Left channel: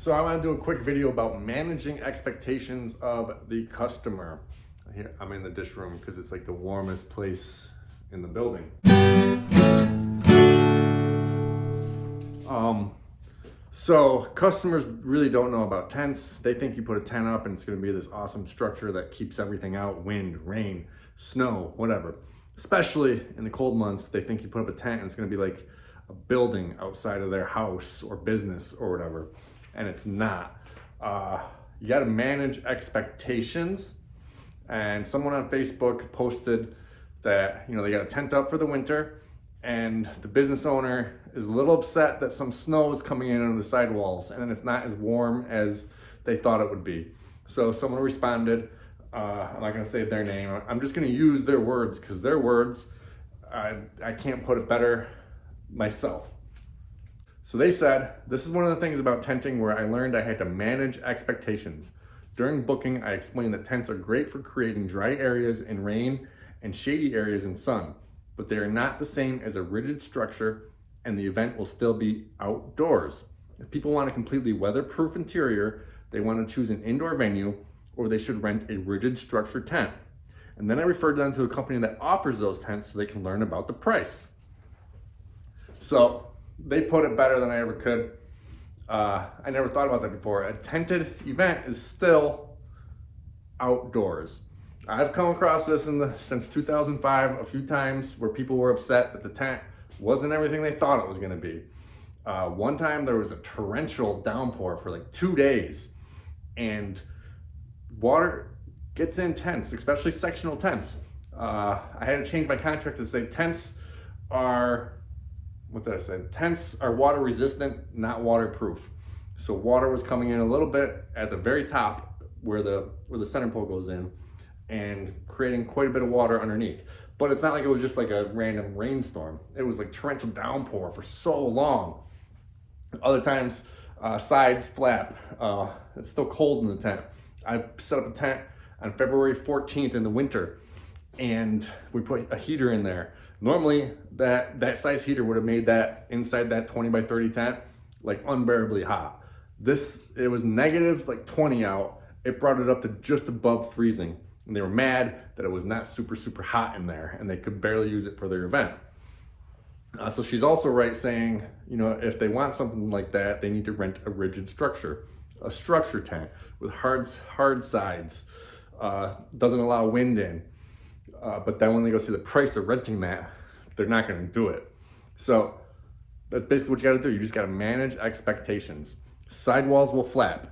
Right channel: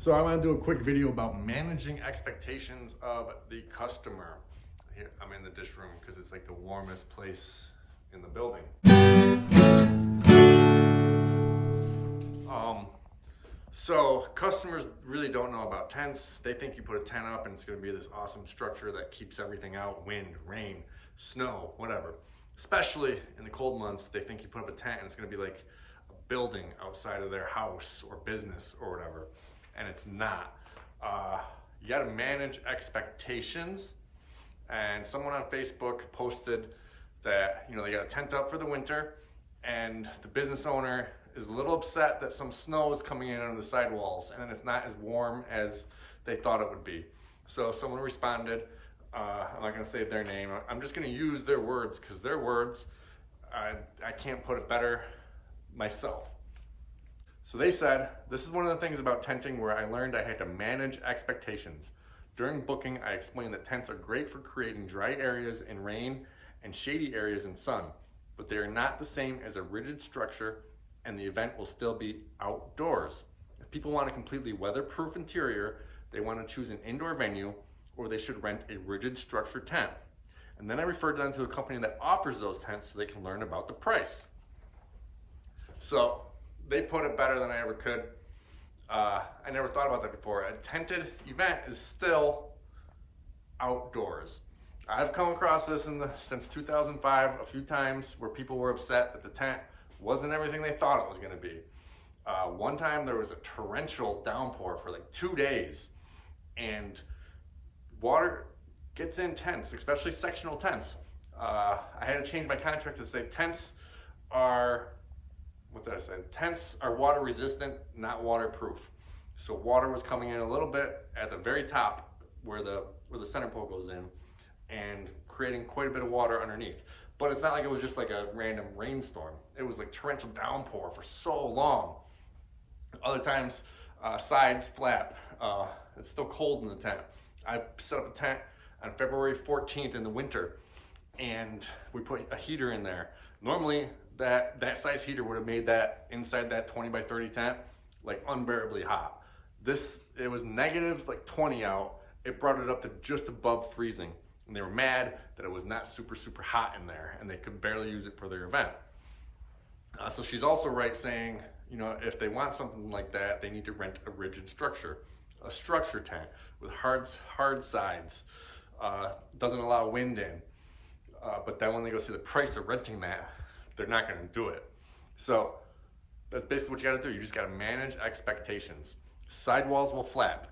So I want to do a quick video about managing expectations of the customer. Here, I'm in the dish room because it's like the warmest place in the building. So customers really don't know about tents. They think you put a tent up and it's going to be this awesome structure that keeps everything out, wind, rain, snow, whatever. Especially in the cold months, they think you put up a tent and it's going to be like a building outside of their house or business or whatever. And it's not. You got to manage expectations. And someone on Facebook posted that, you know, they got a tent up for the winter and the business owner is a little upset that some snow is coming in under the sidewalls and it's not as warm as they thought it would be. So someone responded, I'm not going to say their name, I'm just going to use their words because their words, I can't put it better myself. So they said, this is one of the things about tenting where I learned I had to manage expectations. During booking, I explained that tents are great for creating dry areas in rain and shady areas in sun, but they are not the same as a rigid structure and the event will still be outdoors. If people want a completely weatherproof interior, they want to choose an indoor venue or they should rent a rigid structure tent. And then I referred them to a company that offers those tents so they can learn about the price. So they put it better than I ever could. I never thought about that before. A tented event is still outdoors. I've come across this since 2005 a few times where people were upset that the tent wasn't everything they thought it was going to be. One time there was a torrential downpour for like 2 days and water gets in tents, especially sectional tents. I had to change my contract to say tents are, what did I say? Tents are water resistant, not waterproof. So water was coming in a little bit at the very top where the center pole goes in and creating quite a bit of water underneath. But it's not like it was just like a random rainstorm. It was like torrential downpour for so long. Other times, sides flap. It's still cold in the tent. I set up a tent on February 14th in the winter and we put a heater in there. Normally that size heater would have made that inside that 20 by 30 tent like unbearably hot. It was negative like 20 out. It brought it up to just above freezing. And they were mad that it was not super hot in there and they could barely use it for their event. So she's also right saying, you know, if they want something like that, they need to rent a rigid structure, a structure tent with hard sides, doesn't allow wind in. But then when they go see the price of renting that, they're not going to do it. So that's basically what you got to do. You just got to manage expectations. Sidewalls will flap.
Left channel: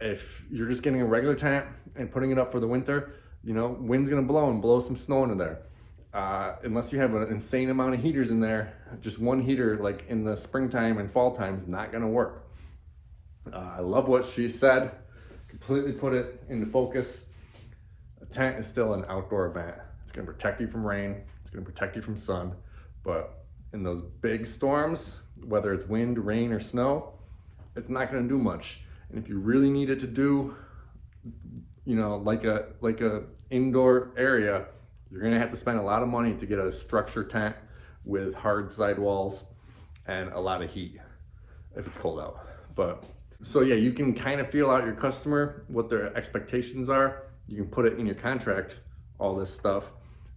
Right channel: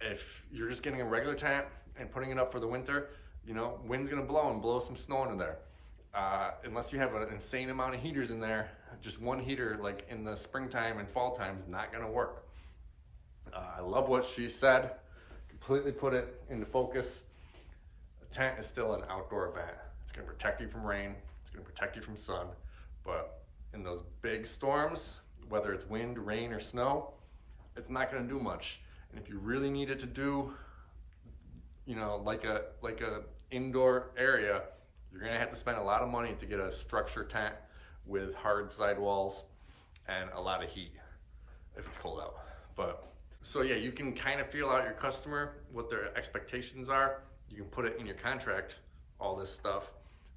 If you're just getting a regular tent and putting it up for the winter, you know, wind's going to blow and blow some snow into there. Unless you have an insane amount of heaters in there, just one heater like in the springtime and fall time is not going to work. I love what she said. Completely put it into focus. A tent is still an outdoor event. It's going to protect you from rain. It's going to protect you from sun. But in those big storms, whether it's wind, rain, or snow, it's not going to do much. And if you really need it to do, you know, like a indoor area, you're going to have to spend a lot of money to get a structure tent with hard sidewalls and a lot of heat if it's cold out. But so yeah, you can kind of feel out your customer, what their expectations are. You can put it in your contract, all this stuff.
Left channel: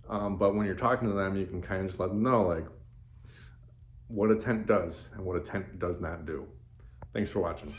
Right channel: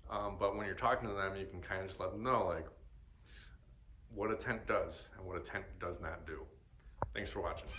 But when you're talking to them, you can kind of just let them know like what a tent does and what a tent does not do. Thanks for watching.